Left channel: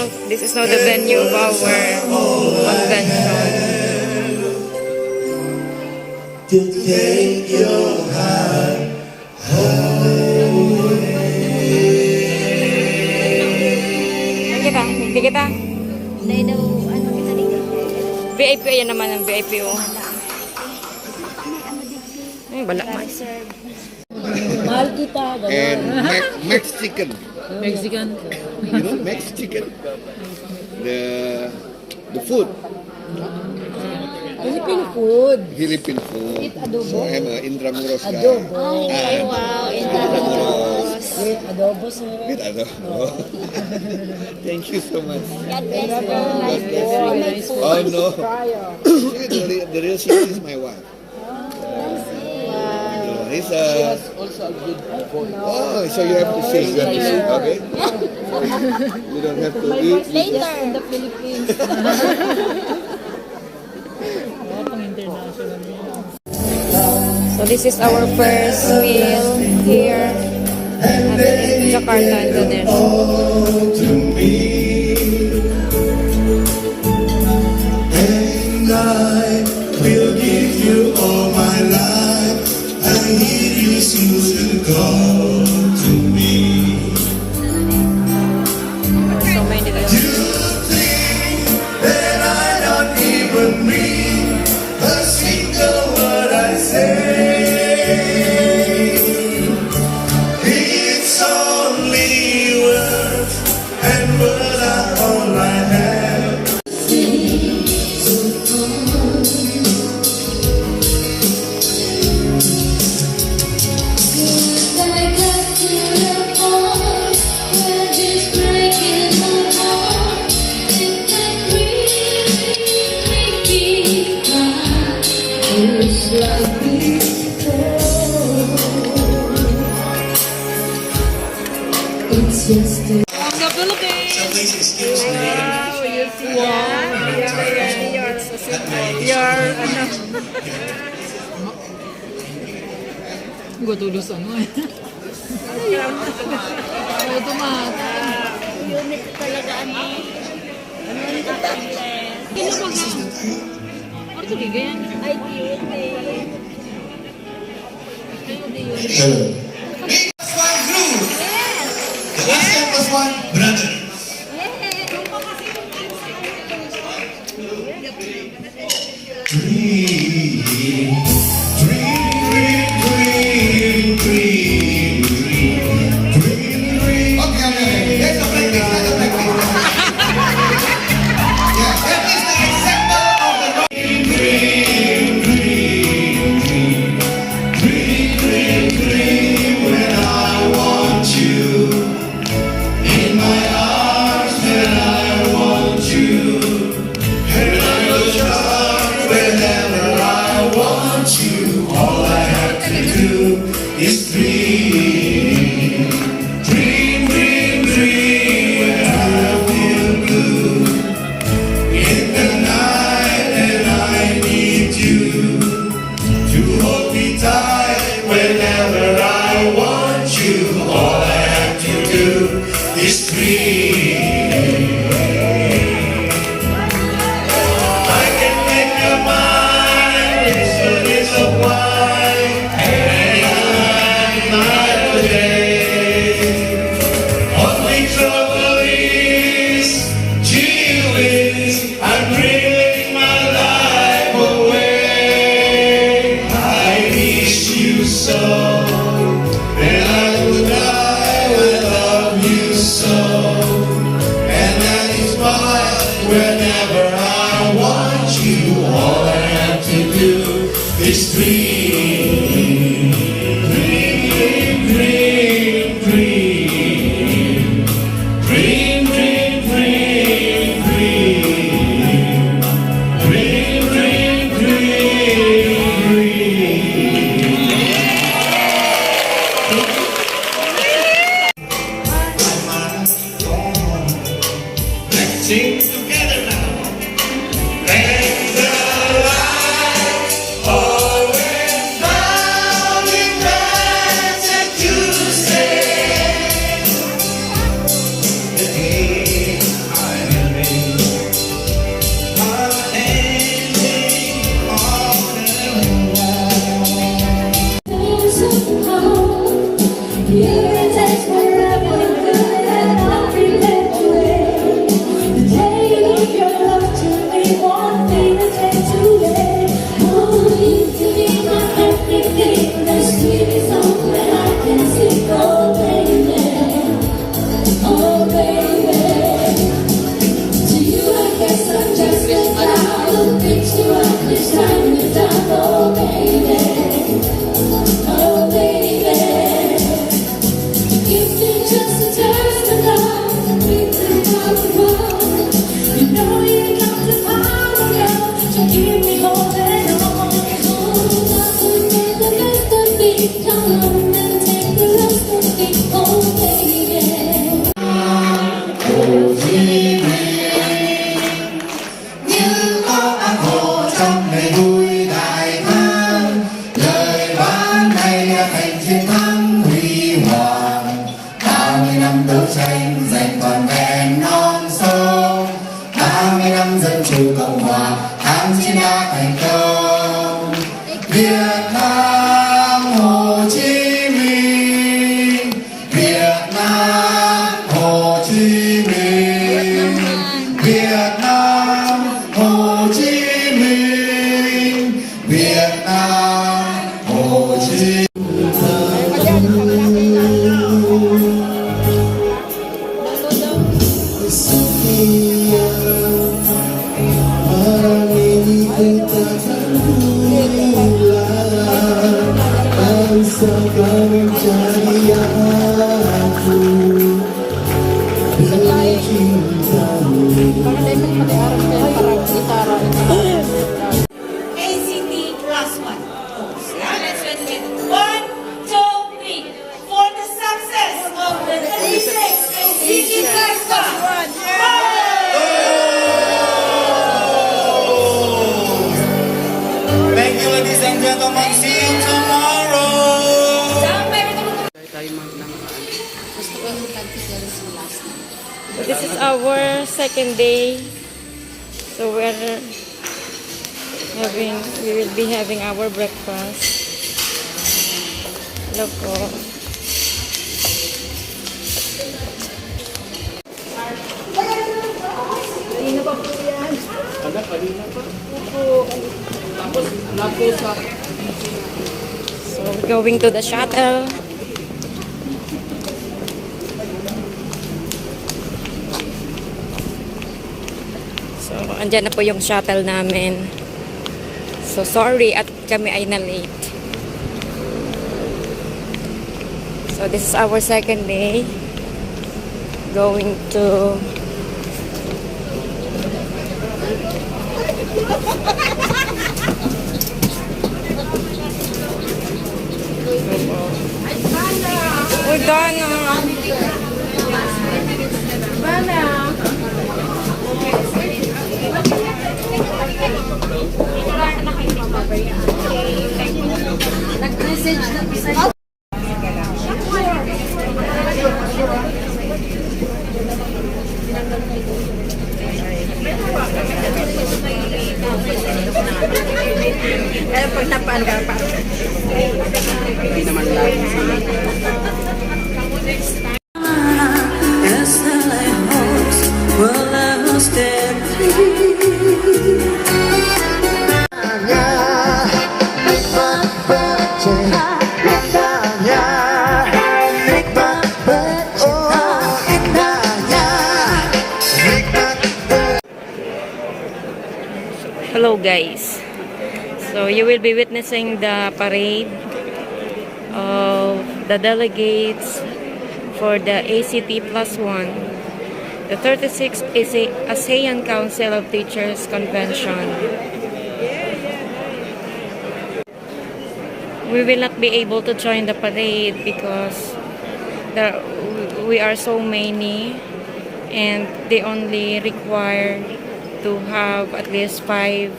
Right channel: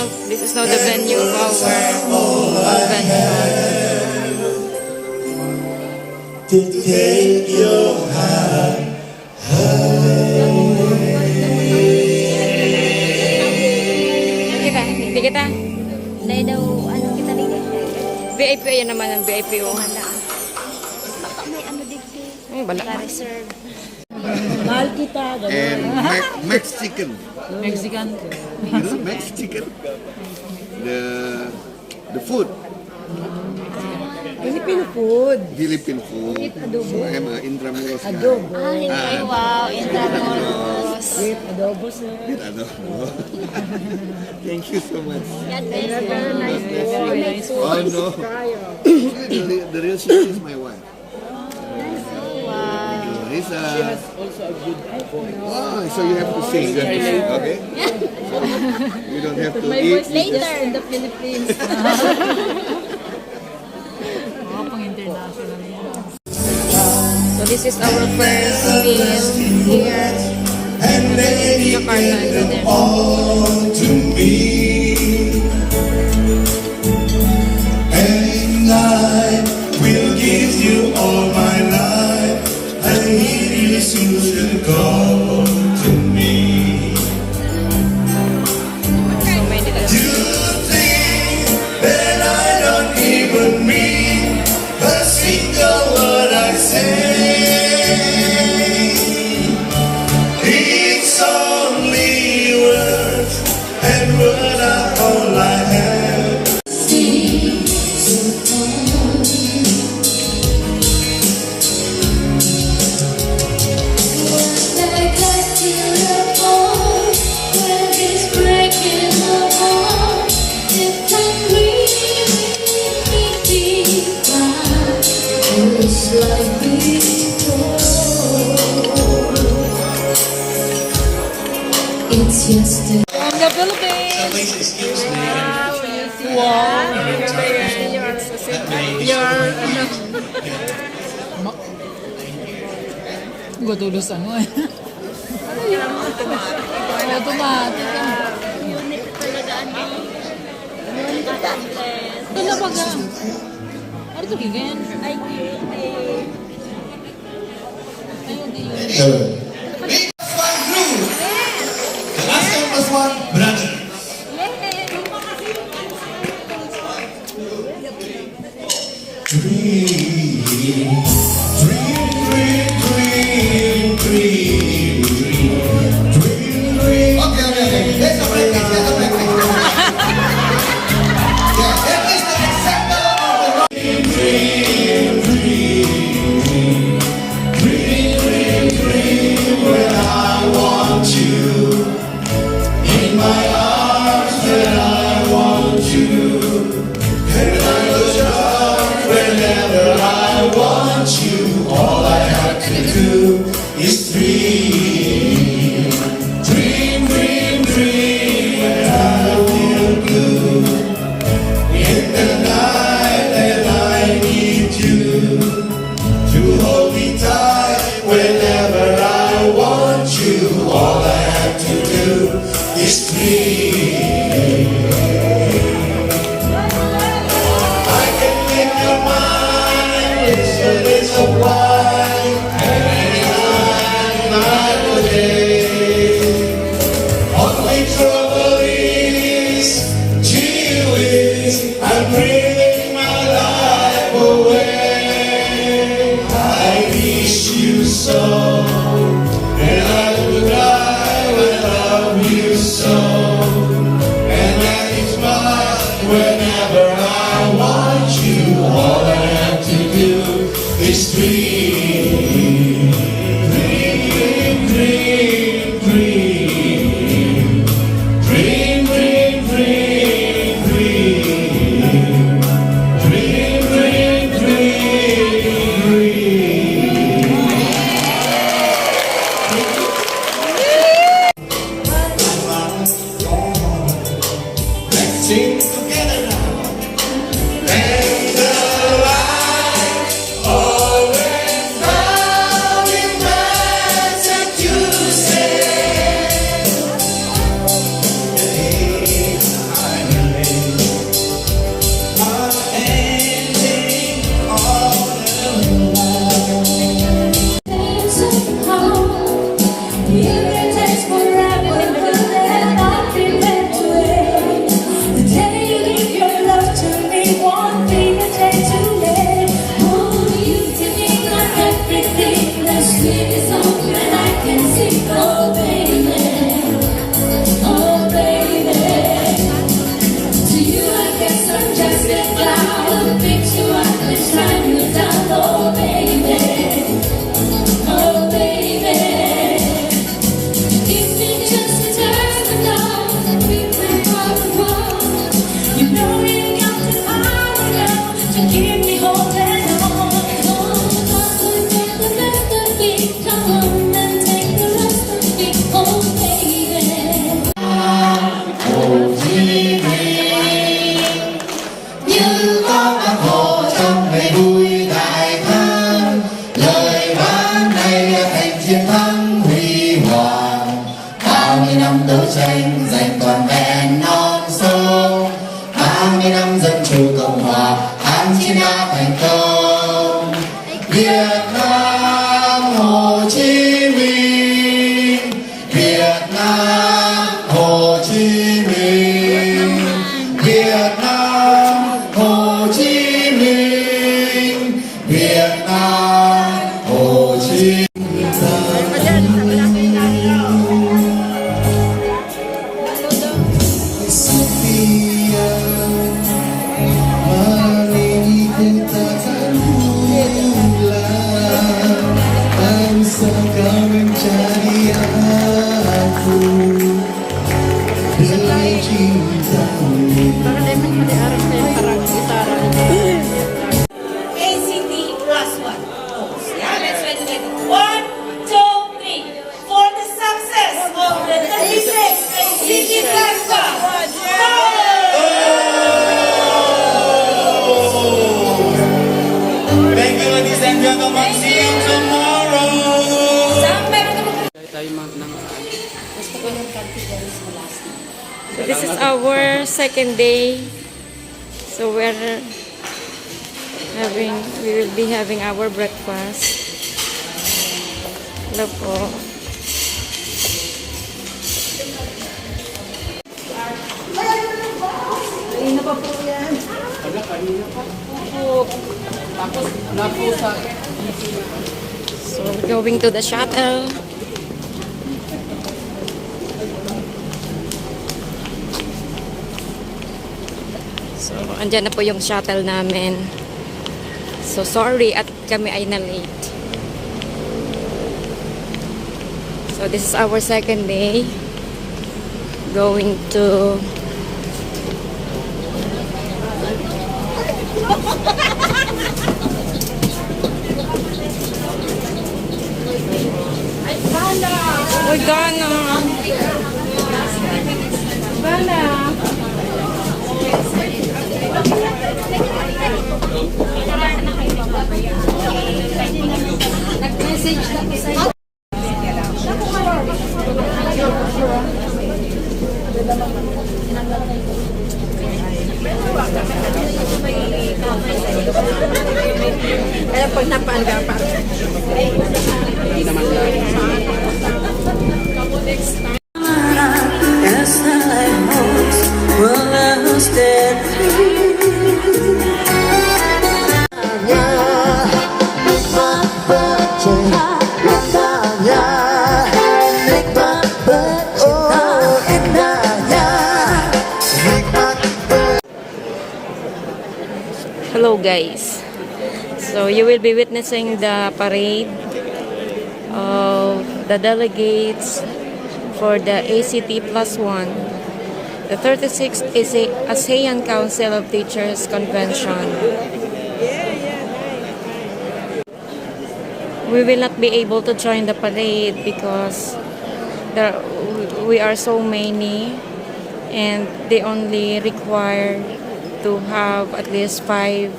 now the venue of our convention. To take your hand Hindi kita. Nay daw, ano kita rin? VIP, yan naman ang VIP. Oh. Ay, bala man. Mahal kita, and Mexican. Mexican. You know, Mexican. The food. Filipino food. Philippine food. With adobo. So I'm an Intramuros guy. Adobo. Ay, wow. With adobo, sir. With adobo. Thank you so much. God bless you. Oh no. The real secret is my wife. She has also a good voice. Oh, so you have to sing. Okay? You don't have to eat. Later in the Philippines. So this is our first meal here in Jakarta, Indonesia. And I will give you all my life. I need you to come to me. So many You think that I don't even mean a single word I say. It's only words, and words are all I have. It's just a Please excuse me. Gutulos ano eh. Automatic. unit talaga ano. Kailan ba ka? Ano ito ganyan? Ay, unit. ACT+1 brother. And I Baka tayo magpaliarap kayo parang gitara. ACT+1. Yeah, let's ready it. 1, 2, 3. For the success of the 36th ACT+1. Thank you, ladies and gentlemen. See you tomorrow. So this is our second day. So we will be having our breakfast. Hello po. So we're going to the shuttle. So andyan na po yung shuttle namin. So sorry at kami ay na-late. So this is our second day. Going to Uy, Dana. Pag napaan ka pa. Hindi naman lagi. Hello guys. So you will be witnessing the parade of the delegates for the ACT+1, the 36th ASEAN Council of Teachers Convention. We will not be able to join the parade because we are so many and they only require to have at least 5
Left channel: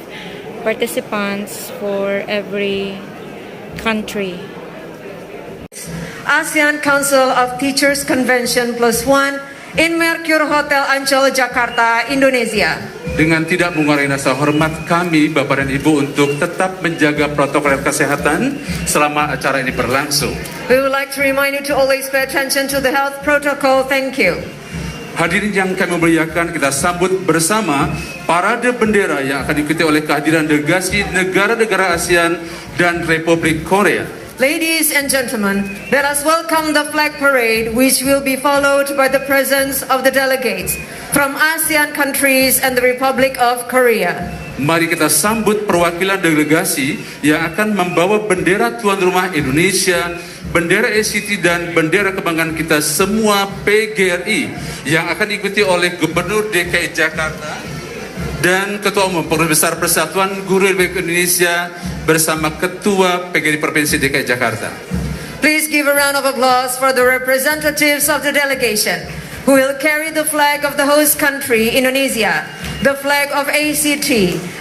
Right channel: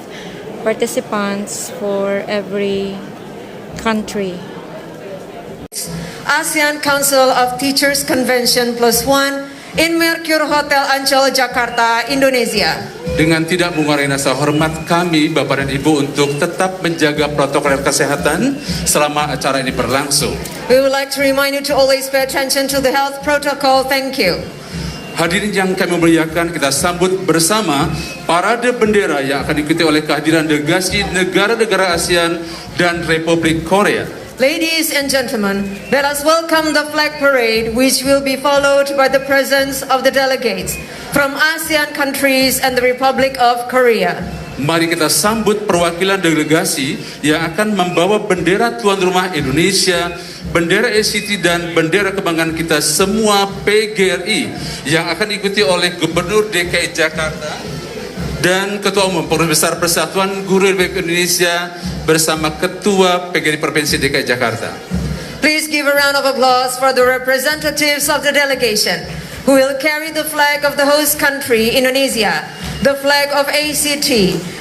participants for every country. ASEAN Council of Teachers Convention +1 in Mercure Hotel Ancol, Jakarta, Indonesia. Dengan tidak mengurangi rasa hormat kami, Bapak dan Ibu, untuk tetap menjaga protokol kesehatan selama acara ini berlangsung. We would like to remind you to always pay attention to the health protocol. Thank you. Hadirin yang kami muliakan, kita sambut bersama parade bendera yang akan diikuti oleh kehadiran delegasi negara-negara ASEAN dan Republik Korea. Ladies and gentlemen, let us welcome the flag parade, which will be followed by the presence of the delegates from ASEAN countries and the Republic of Korea. Mari kita sambut perwakilan delegasi yang akan membawa bendera tuan rumah Indonesia, bendera ACT dan bendera kebanggaan kita semua PGRI yang akan diikuti oleh Gubernur DKI Jakarta dan Ketua Umum Pengurus Besar Persatuan Guru Republik Indonesia bersama Ketua PGRI Provinsi DKI Jakarta. Please give a round of applause for the representatives of the delegation who will carry the flag of the host country, Indonesia, the flag of ACT,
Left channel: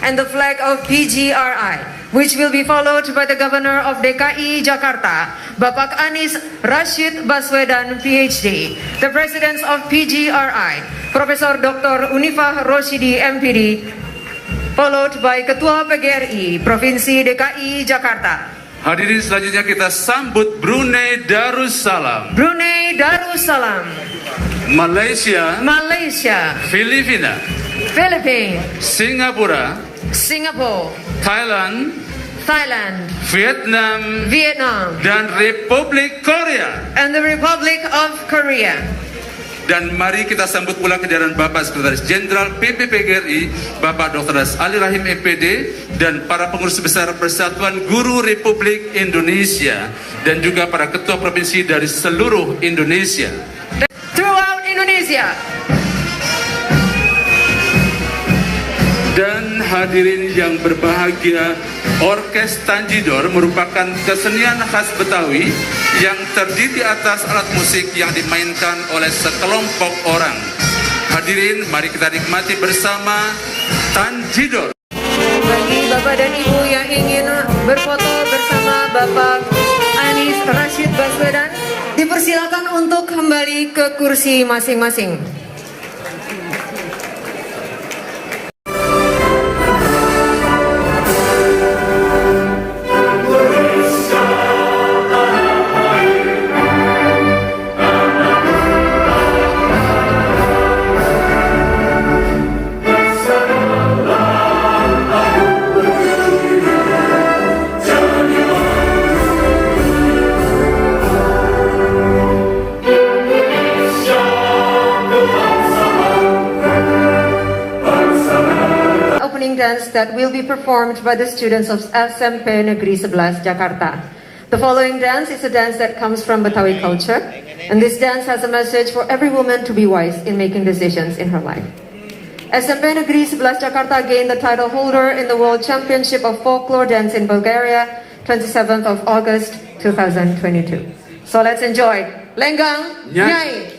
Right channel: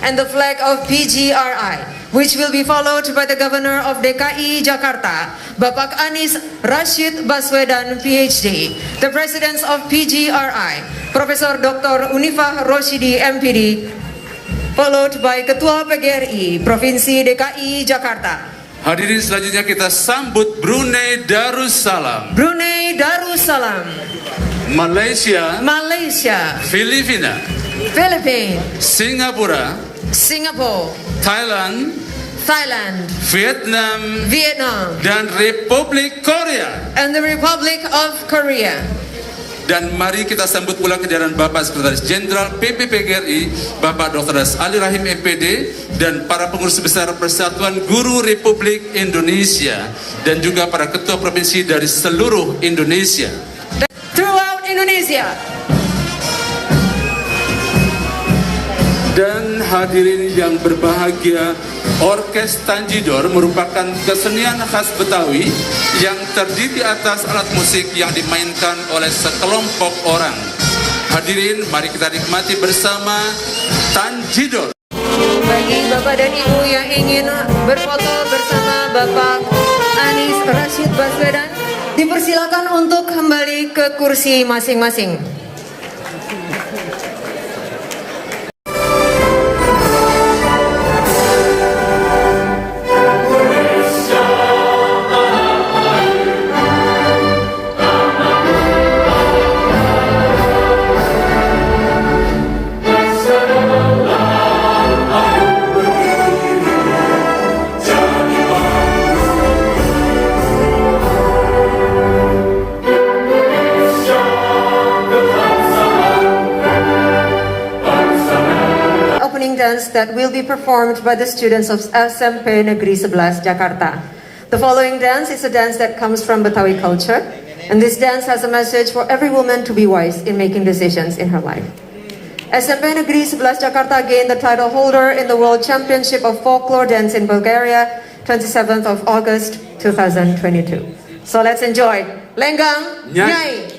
and the flag of PGRI, which will be followed by the Governor of DKI Jakarta, Bapak Anies Rashid Baswedan, PhD, the Presidents of PGRI, Profesor Dr. Unifah Roshidi, MPD, followed by Ketua PGRI, Provinsi DKI Jakarta. Hadirin selanjutnya kita sambut Brunei Darussalam, Brunei Darussalam, Malaysia, Malaysia, Filipina, Philippines, Singapura, Singapore, Thailand, Thailand, Vietnam, Vietnam, dan Republik Korea. and the Republic of Korea. Dan mari kita sambut pula kehadiran Bapak Sekretaris Jenderal PPPGRI, Bapak Dr. Ali Rahim MPD, dan para pengurus besar Persatuan Guru Republik Indonesia, dan juga para ketua provinsi dari seluruh Indonesia. Throughout Indonesia, Indonesia. Dan hadirin yang berbahagia, Orkes Tanjidor merupakan kesenian khas Betawi yang terdiri atas alat musik yang dimainkan oleh sekelompok orang. Hadirin, mari kita nikmati bersama Tanjidor. Bagi Bapak dan Ibu yang ingin berfoto bersama Bapak Anies Rashid Baswedan, dipersilakan untuk kembali ke kursi masing-masing. That will be performed by the students of SMP Negeri 11 Jakarta. The following dance is a dance that comes from Betawi culture, and this dance has a message for every woman to be wise in making decisions in her life. SMP Negeri 11 Jakarta gained the title holder in the World Championship of Folklore Dance in Bulgaria, 27th of August 2022. So let's enjoy Lenggang Nyai.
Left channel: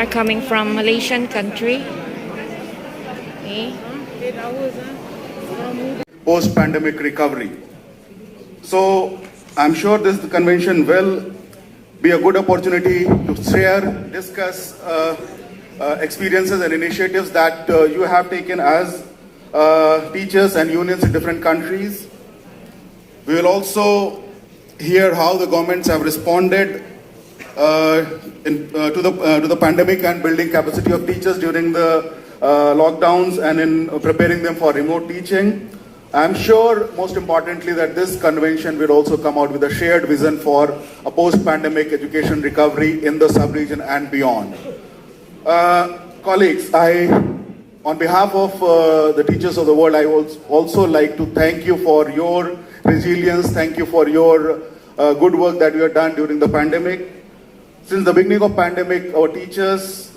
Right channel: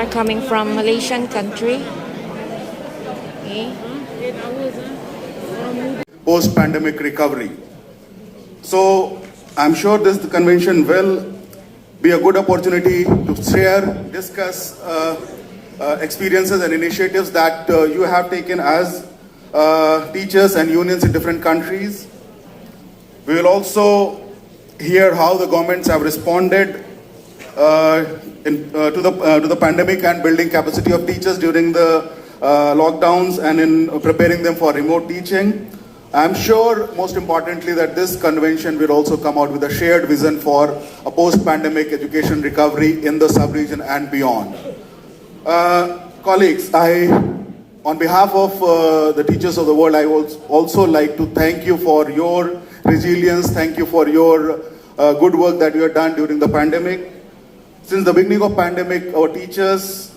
Are coming from Malaysian country. Okay. Post-pandemic recovery. So I'm sure this convention will be a good opportunity to share, discuss experiences and initiatives that you have taken as teachers and unions in different countries. We will also hear how the governments have responded to the pandemic and building capacity of teachers during the lockdowns and in preparing them for remote teaching. I'm sure, most importantly, that this convention will also come out with a shared vision for a post-pandemic education recovery in the sub-region and beyond. Colleagues, I On behalf of the teachers of the world, I would also like to thank you for your resilience. Thank you for your good work that you have done during the pandemic. Since the beginning of pandemic, our teachers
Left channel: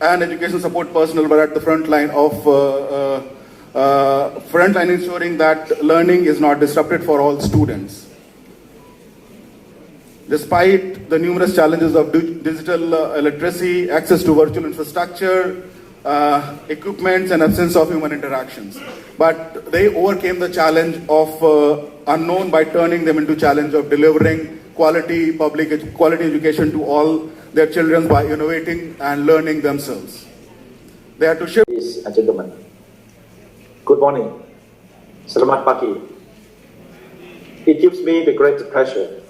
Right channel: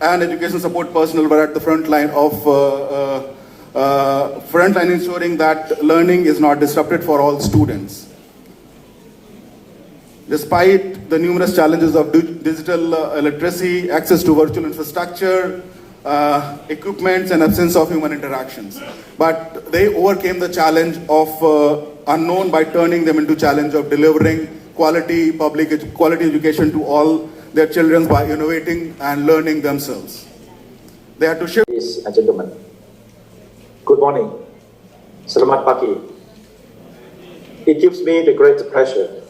and education support personnel were at the front line of ensuring that learning is not disrupted for all students. Despite the numerous challenges of digital illiteracy, access to virtual infrastructure, equipments, and absence of human interactions, but they overcame the challenge of unknown by turning them into challenge of delivering quality education to all their children by innovating and learning themselves. They had to shift. Ladies and gentlemen, good morning. Selamat pagi. It gives me the great pleasure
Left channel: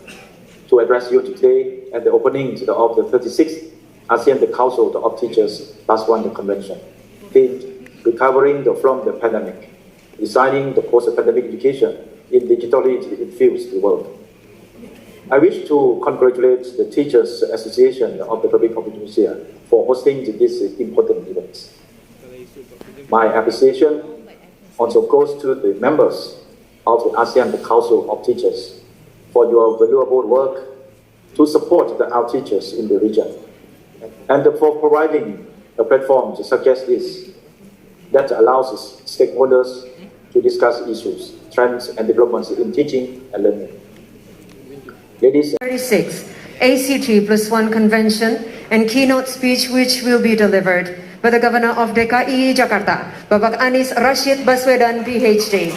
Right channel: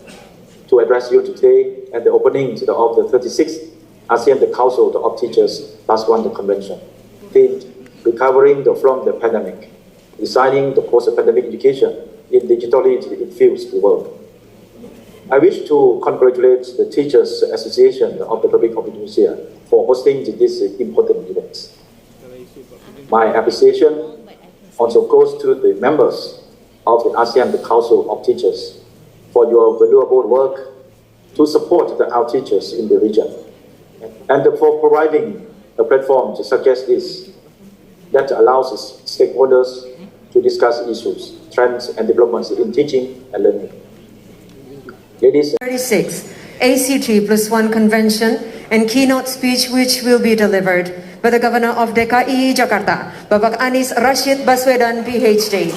to address you today at the opening of the 36th ASEAN Council of Teachers +1 Convention, themed Recovering from the Pandemic, Designing the Post-Pandemic Education in Digitally Infused World. I wish to congratulate the Teachers Association of the Republic of Indonesia for hosting this important event. My appreciation also goes to the members of the ASEAN Council of Teachers for your valuable work to support our teachers in the region, and for providing a platform such as this that allows stakeholders to discuss issues, trends, and developments in teaching and learning. Ladies 36 ACT+1 Convention and keynote speech which will be delivered by the Governor of DKI Jakarta, Bapak Anies Rashid Baswedan, PhD.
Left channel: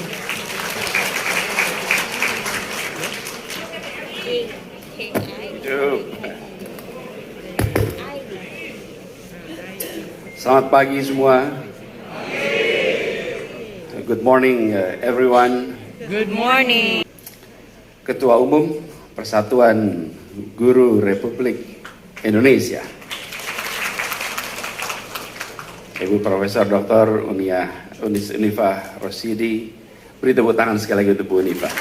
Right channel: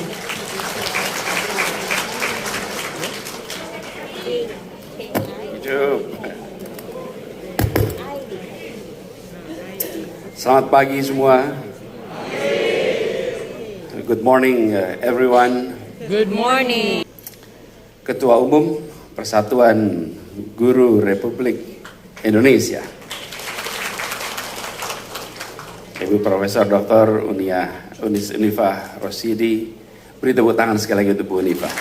Selamat pagi semua. Good morning everyone. Good morning. Ketua Umum Persatuan Guru Republik Indonesia, Ibu Profesor Dr. Unifah Rosidi. Beri tepuk tangan sekali lagi untuk Bu Unifah.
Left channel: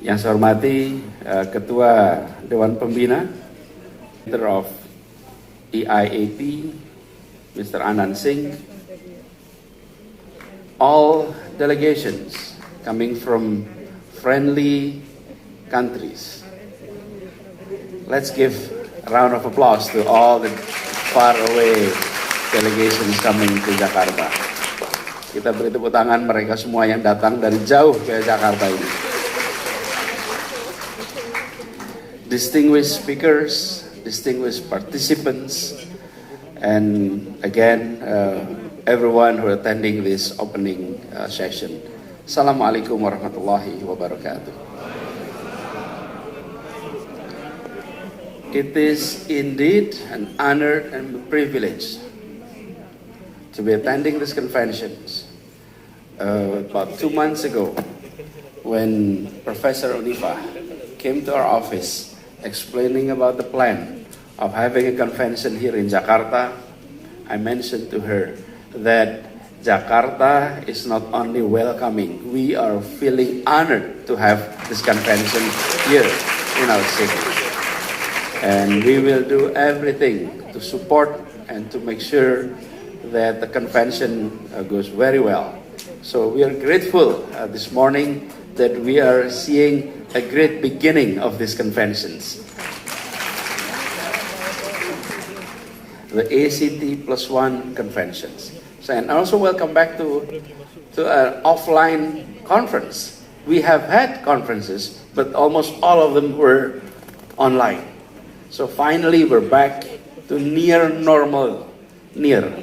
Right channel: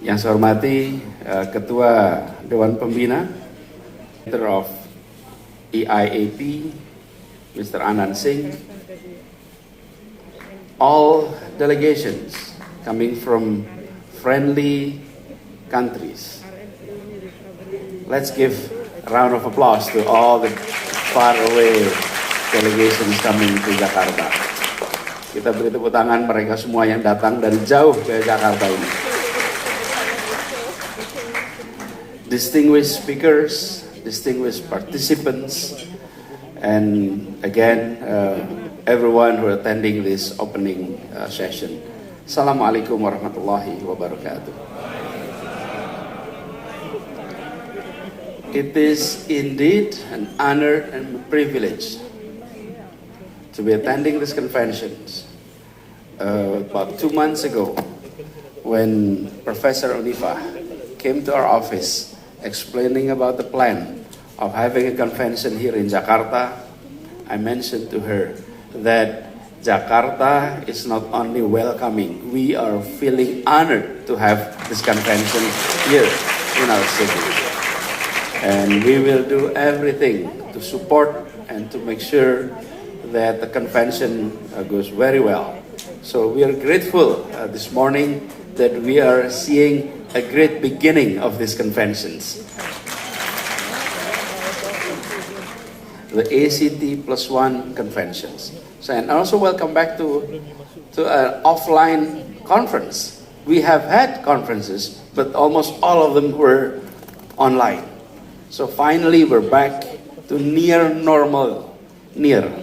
Yang saya hormati Ketua Dewan Pembina of EIAP, Mr. Anand Singh, all delegations coming from friendly countries. Let's give a round of applause to all the faraway delegations coming to Jakarta. Kita beri tepuk tangan mereka semua yang datang dari jauh ke Jakarta ini. Distinguished speakers, distinguished participants, and again, everyone who are attending this opening session. Assalamualaikum warahmatullahi wabarakatuh. It is indeed an honor and privilege to be attending this convention. About 2 months ago, when Professor Unifah came to our office explaining about the plan of having a convention here in Jakarta, I mentioned to her that Jakarta is not only welcoming, we are feeling honored to have this convention here in our city. And we will do everything to support and to make sure that the convention goes very well. So we are grateful this morning that we are seeing a great beginning of these conventions. The ACT+1 conventions. So, and also welcome back to an offline conference. We have had conferences, but almost all of them were online. So finally we're back to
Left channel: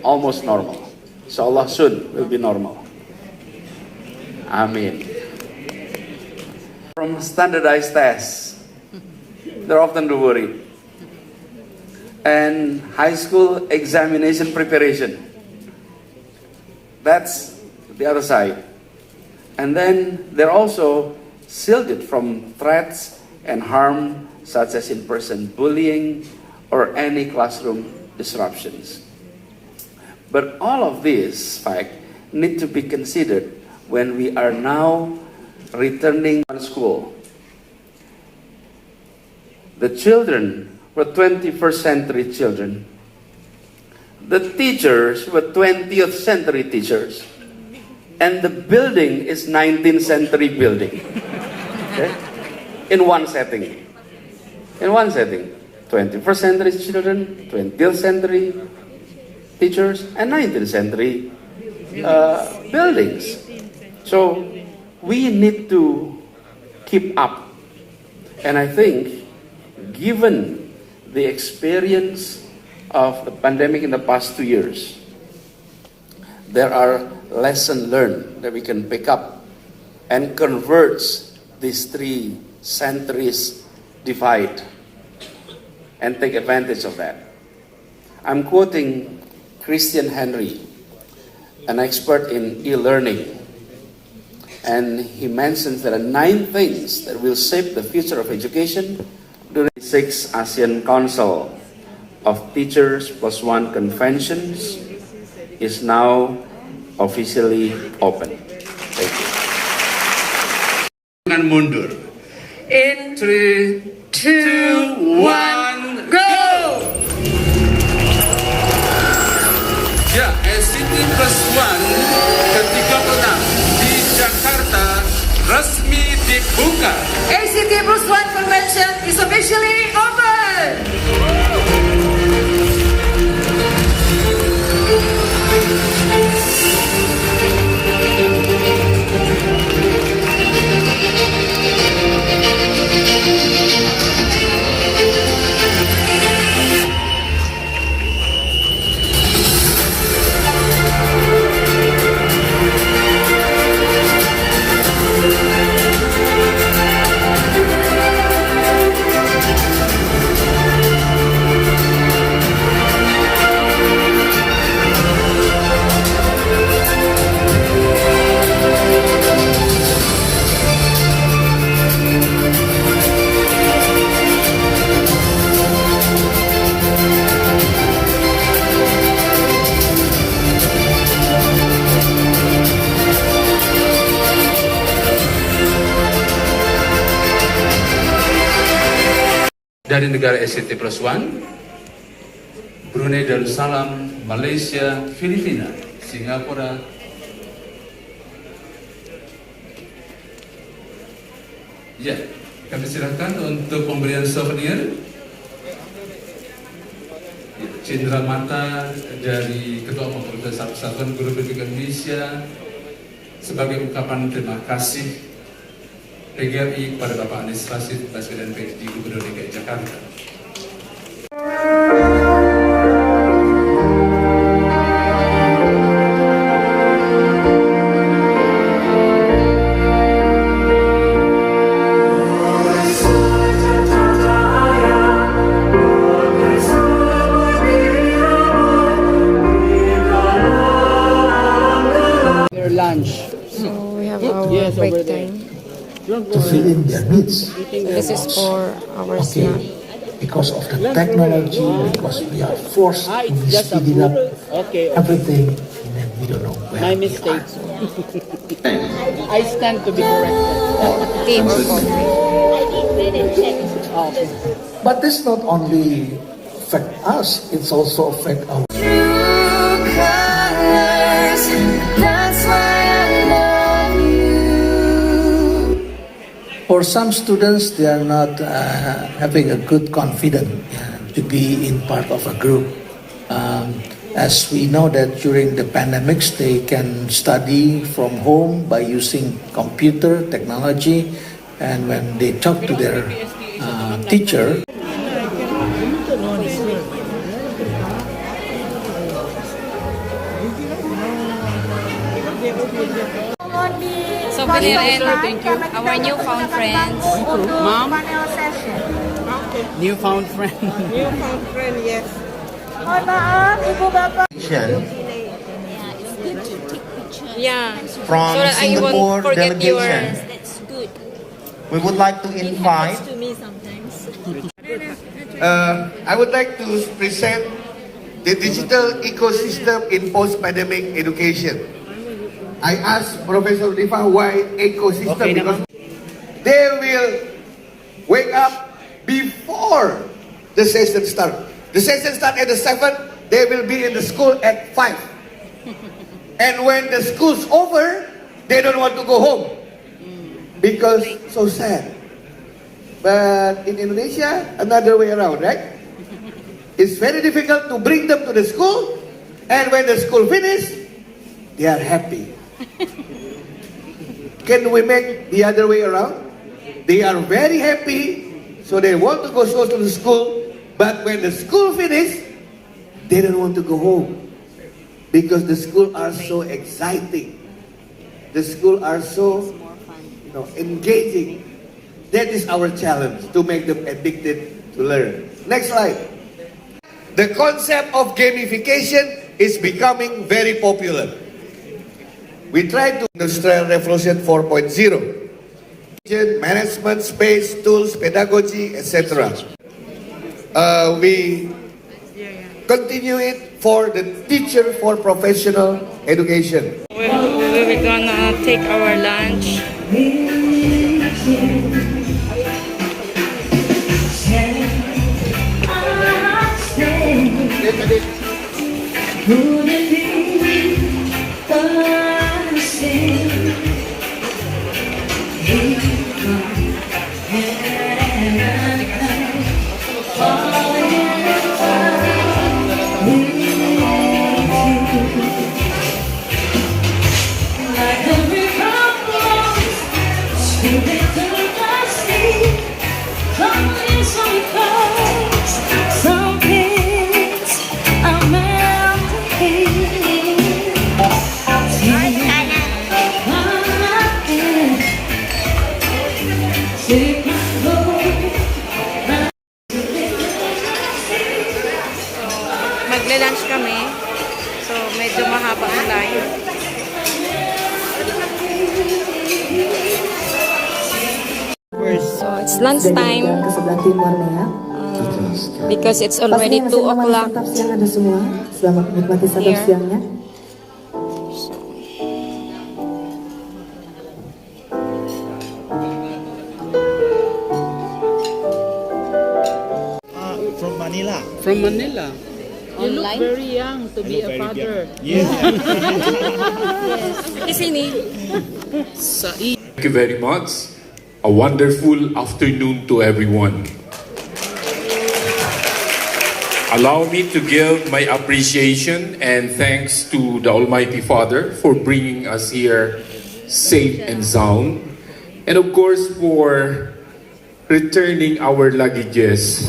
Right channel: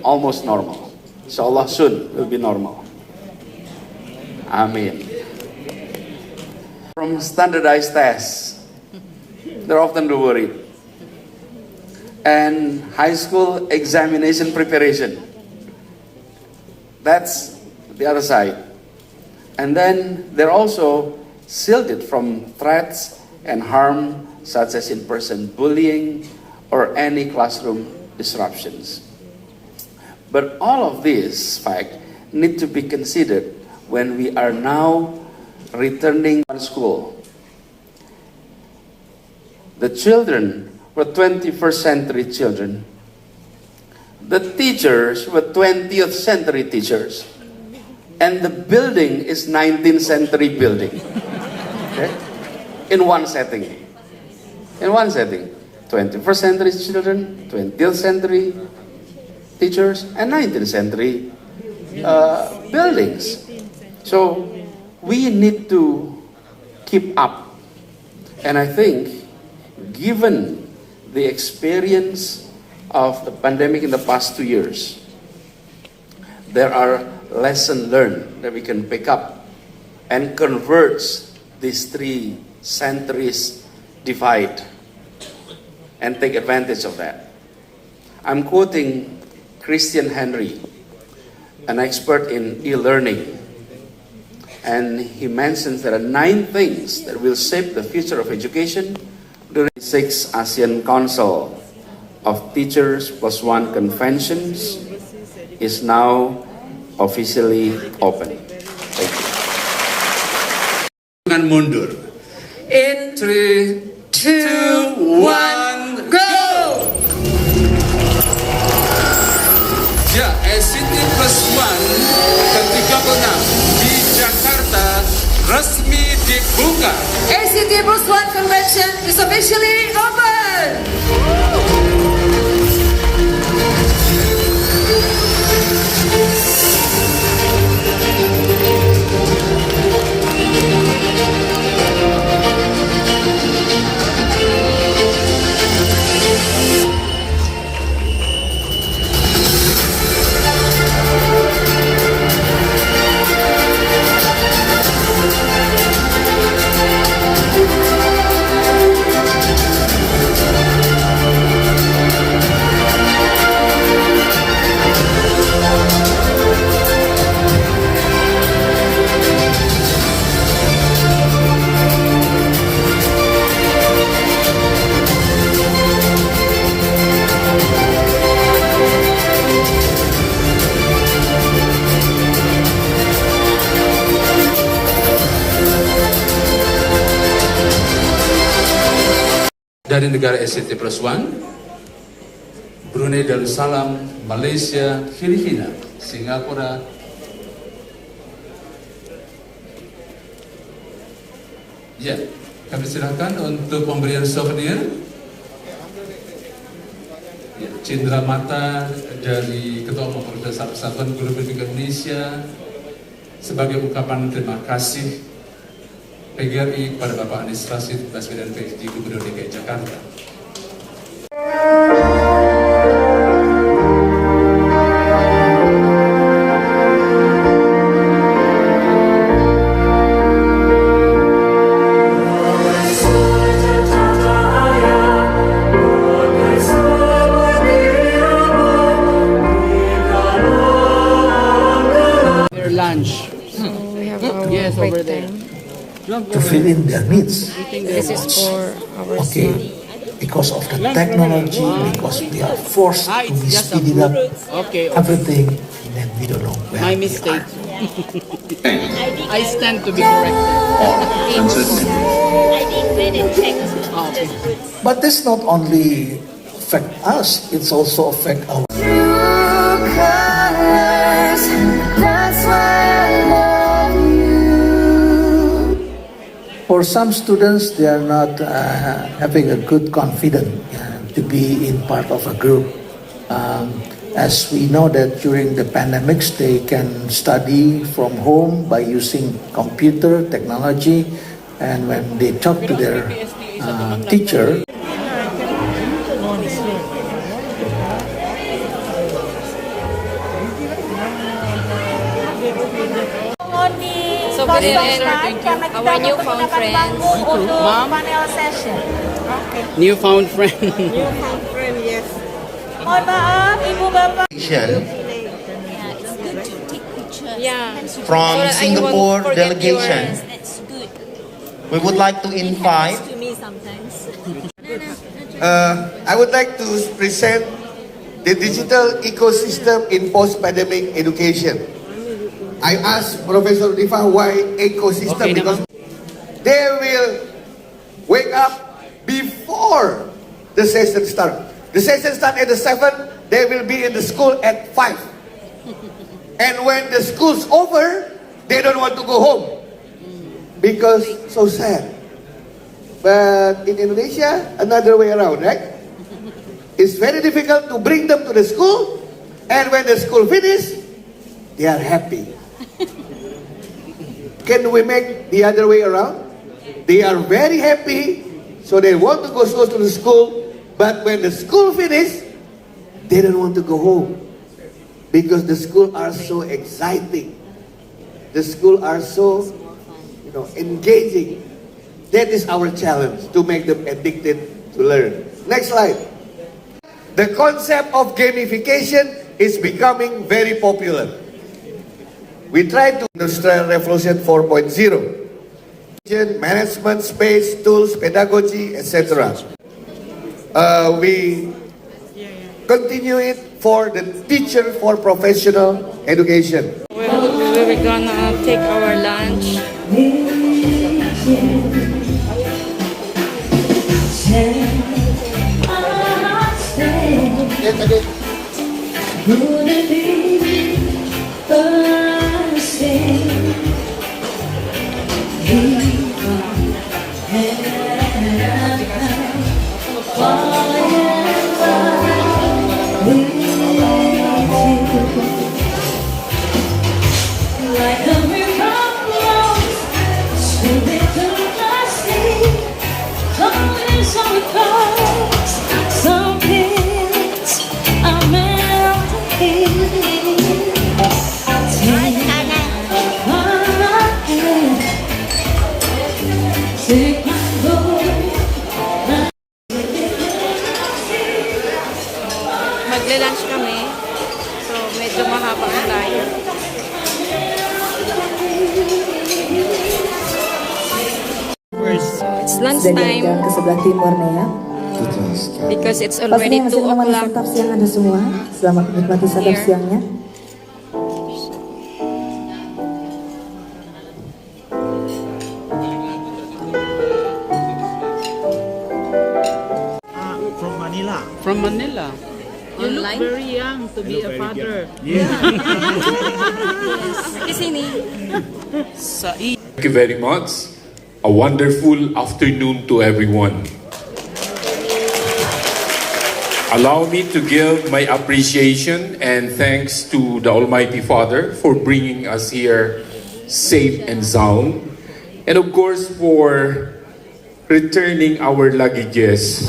almost normal. Inshallah soon will be normal. Amen. From standardized tests, they're often worried. And high school examination preparation. That's the other side. And then they're also shielded from threats and harm such as in-person bullying or any classroom disruptions. But all of these facts need to be considered when we are now returning to school. The children were 21st century children the teachers were 20th century teachers, and the building is 19th century building. Okay? In one setting. 21st century children, 20th century teachers, and 19th century buildings. So we need to keep up. And I think, given the experience of the pandemic in the past 2 years, there are lessons learned that we can pick up and converge these 3 centuries divide and take advantage of that. I'm quoting Christian Henry, an expert in e-learning, and he mentions there are 9 things that will shape the future of education during the 6th ASEAN Council of Teachers +1 conventions is now officially open. Thank you. Jangan mundur. In 3, 2, 1, go! Ya, ACT+1 ke-36 di Jakarta resmi dibuka. ACT+1 convention is officially open! Dari negara ACT+1, Brunei Darussalam, Malaysia, Filipina, Singapura, ya, kami silakan untuk pemberian souvenir. Ya, cindera mata dari Ketua Umum Persatuan Guru Republik Indonesia sebagai ungkapan terima kasih PGRI kepada Bapak Anies Baswedan PhD Gubernur DKI Jakarta. Their lunch. So we have our break time. To fill in their needs. This is for our snack. Because of the technology, because they are forced to be speeding up everything, and then we don't know where My they mistake. are. I stand to be corrected. But this not only affect us, it's also affect our. For some students, they are not having a good confidence to be in part of a group. As we know that during the pandemics, they can study from home by using computer technology, and when they talk to their teacher, So good evening, our newfound friends. Mom? Panel session. Newfound friend. Newfound friend, yes. Mohon maaf, Ibu Bapak. From Singapore delegation, we would like to invite. I would like to present the digital ecosystem in post-pandemic education. I asked Professor Rifa why ecosystem, because they will wake up before the session starts. The session starts at the 7, they will be in the school at 5. And when the school's over, they don't want to go home. Because so sad. But in Indonesia, another way around, right? It's very difficult to bring them to the school, and when the school finishes, they are happy. Can we make the other way around? They are very happy, so they want to go to the school, but when the school finishes, they don't want to go home. Because the school are so exciting. The school are so engaging. That is our challenge, to make them addicted to learn. Next slide. The concept of gamification is becoming very popular. We tried to Industrial Revolution 4.0. Management, space, tools, pedagogy, etc. We continue it for the teacher for professional education. We're gonna take our lunch. Magla-lunch kami. So, medyo mahaba ang line. So, it's lunch time. Because it's already 2 o'clock. Selamat menikmati santap siangnya. From Manila. From Manila. You look very young to be a father. Thank you very much. A wonderful afternoon to everyone. Allow me to give my appreciation and thanks to the Almighty Father for bringing us here safe and sound. And of course for returning our luggages.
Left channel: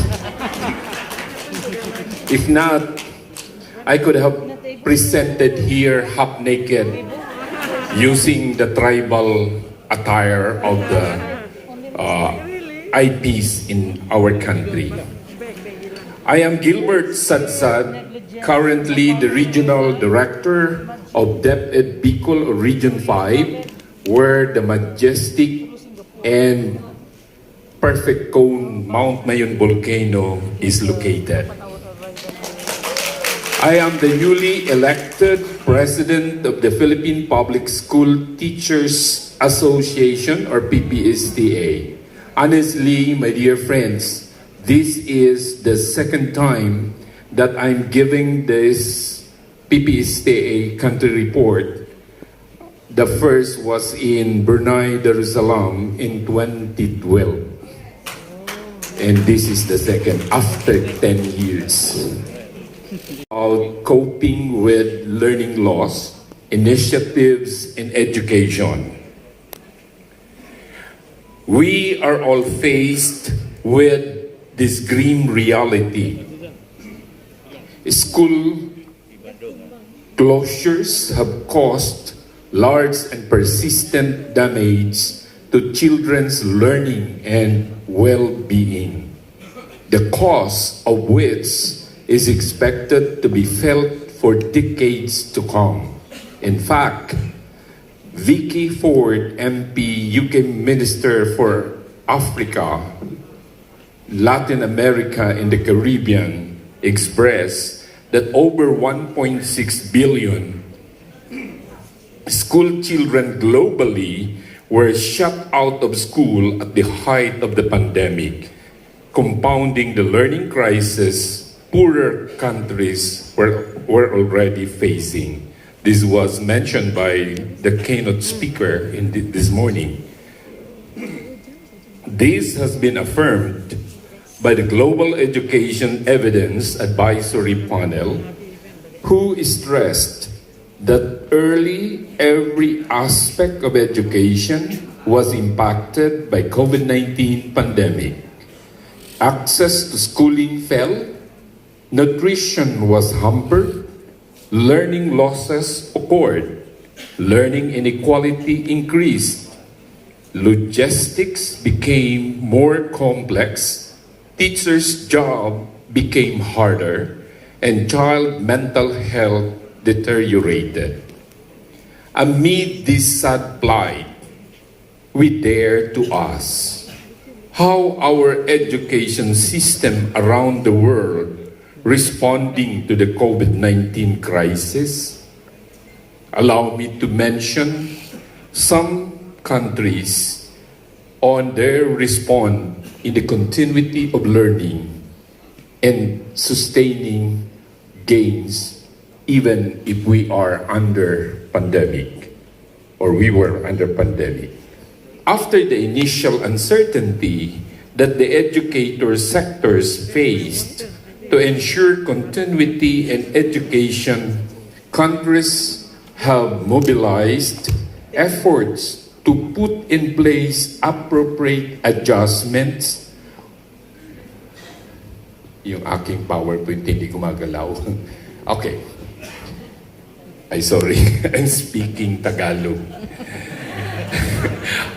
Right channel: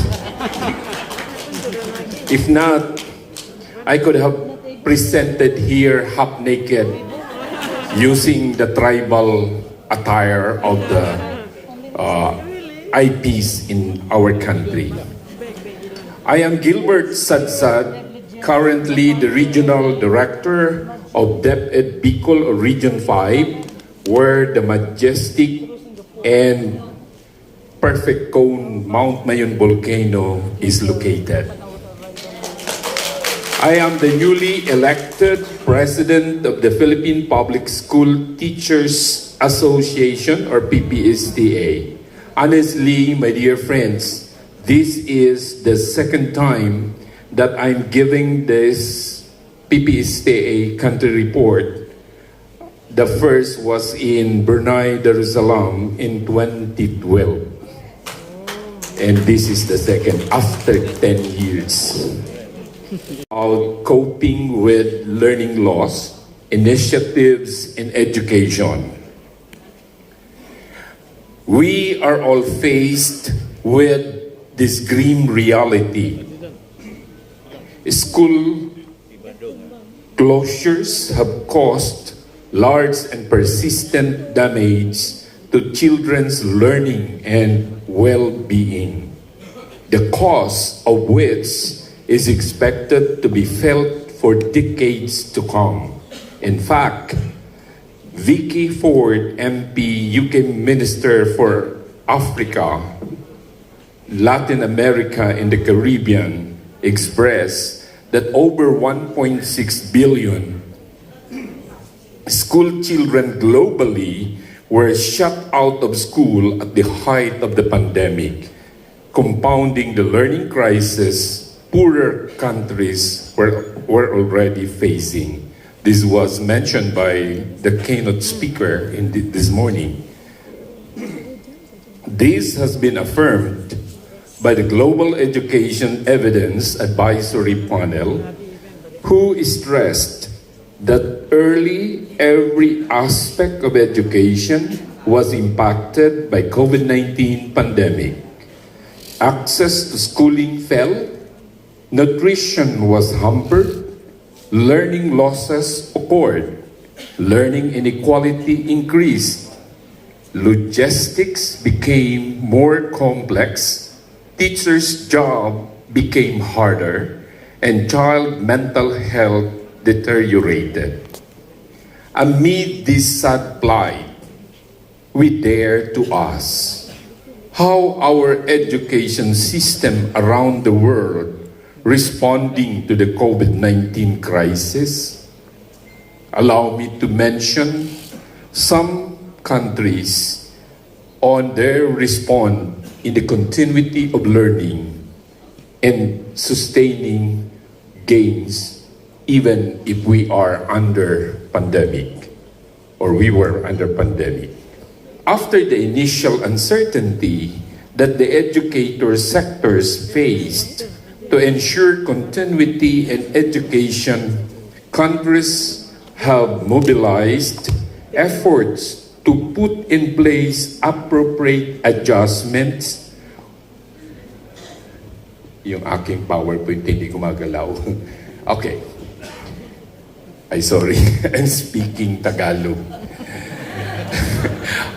If not, I could have presented here half naked using the tribal attire of the IPs in our country. I am Gilbert Sadsad, currently the Regional Director of DepEd Bicol Region 5, where the majestic and perfect cone Mount Mayon volcano is located. I am the newly elected President of the Philippine Public School Teachers Association, or PPSTA. Honestly, my dear friends, this is the second time that I'm giving this PPSTA country report. The first was in Brunei Darussalam in 2012. And this is the second after 10 years. Coping with learning loss, initiatives in education. We are all faced with this grim reality. School closures have caused large and persistent damage to children's learning and well-being, the cause of which is expected to be felt for decades to come. In fact, Vicky Ford, MP, UK Minister for Africa, Latin America, and the Caribbean, expressed that over 1.6 billion school children globally were shut out of school at the height of the pandemic, compounding the learning crisis poorer countries were already facing. This was mentioned by the keynote speaker this morning. This has been affirmed by the Global Education Evidence Advisory Panel, who stressed that early every aspect of education was impacted by COVID-19 pandemic. Access to schooling fell, nutrition was hampered, learning losses occurred, learning inequality increased, logistics became more complex, teachers' job became harder, and child mental health deteriorated. Amid this sad plight, we dare to ask how our education system around the world responding to the COVID-19 crisis. Allow me to mention some countries on their response in the continuity of learning and sustaining gains even if we are under pandemic or we were under pandemic. After the initial uncertainty that the educator sectors faced to ensure continuity in education, countries have mobilized efforts to put in place appropriate adjustments. Yung aking PowerPoint hindi gumagalaw. Okay. Sorry, I'm speaking Tagalog.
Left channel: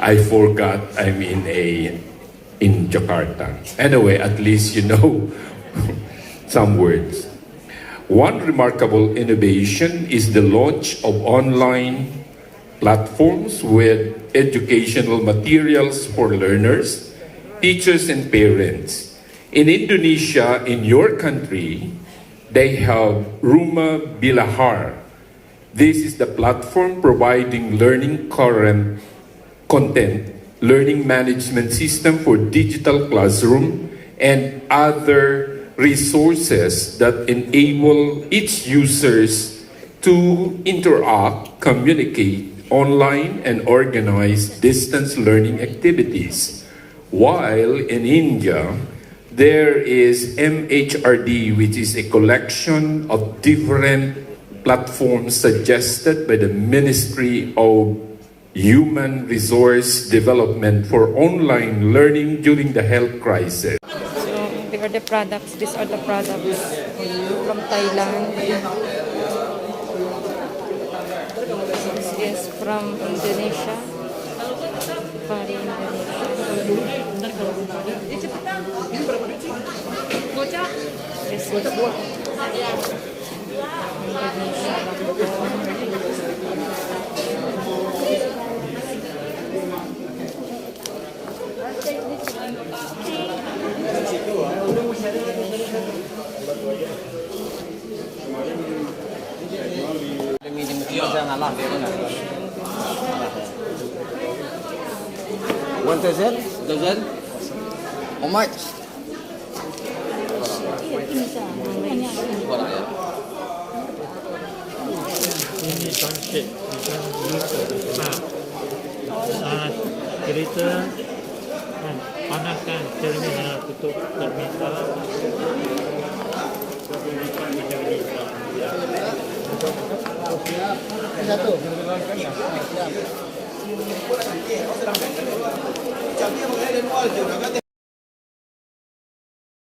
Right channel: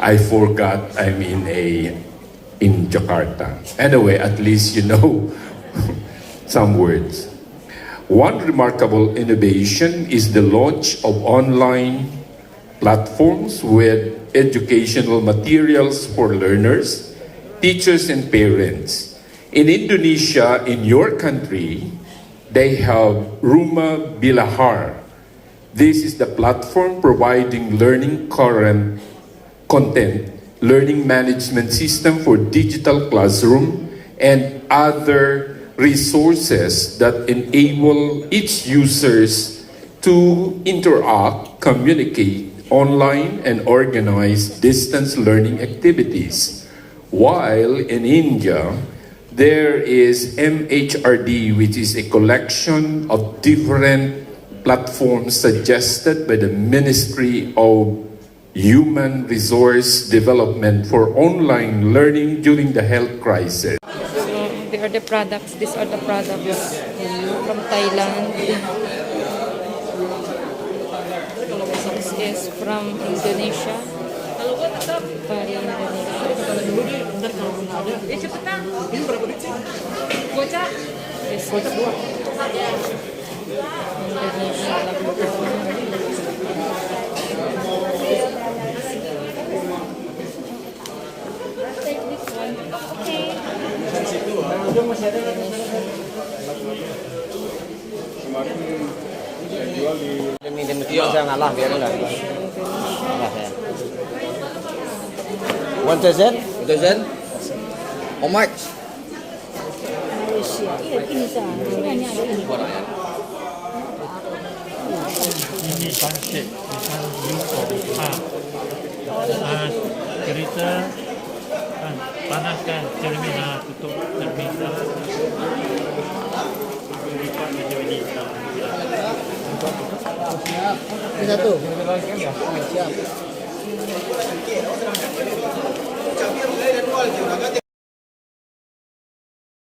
I forgot I'm in Jakarta. Anyway, at least you know some words. One remarkable innovation is the launch of online platforms with educational materials for learners, teachers, and parents. In Indonesia, in your country, they have Rumah Bilahar. This is the platform providing learning current content, learning management system for digital classroom, and other resources that enable each users to interact, communicate online, and organize distance learning activities. While in India, there is MHRD, which is a collection of different platforms suggested by the Ministry of Human Resource Development for online learning during the health crisis. So they are the products. These are the products from Thailand. This is from Indonesia. Bali, Indonesia. This is Indonesia One dozen? Dozen? How much? Ini pancake, bukan cerita panaskan terminal, tutup terminal. Satu.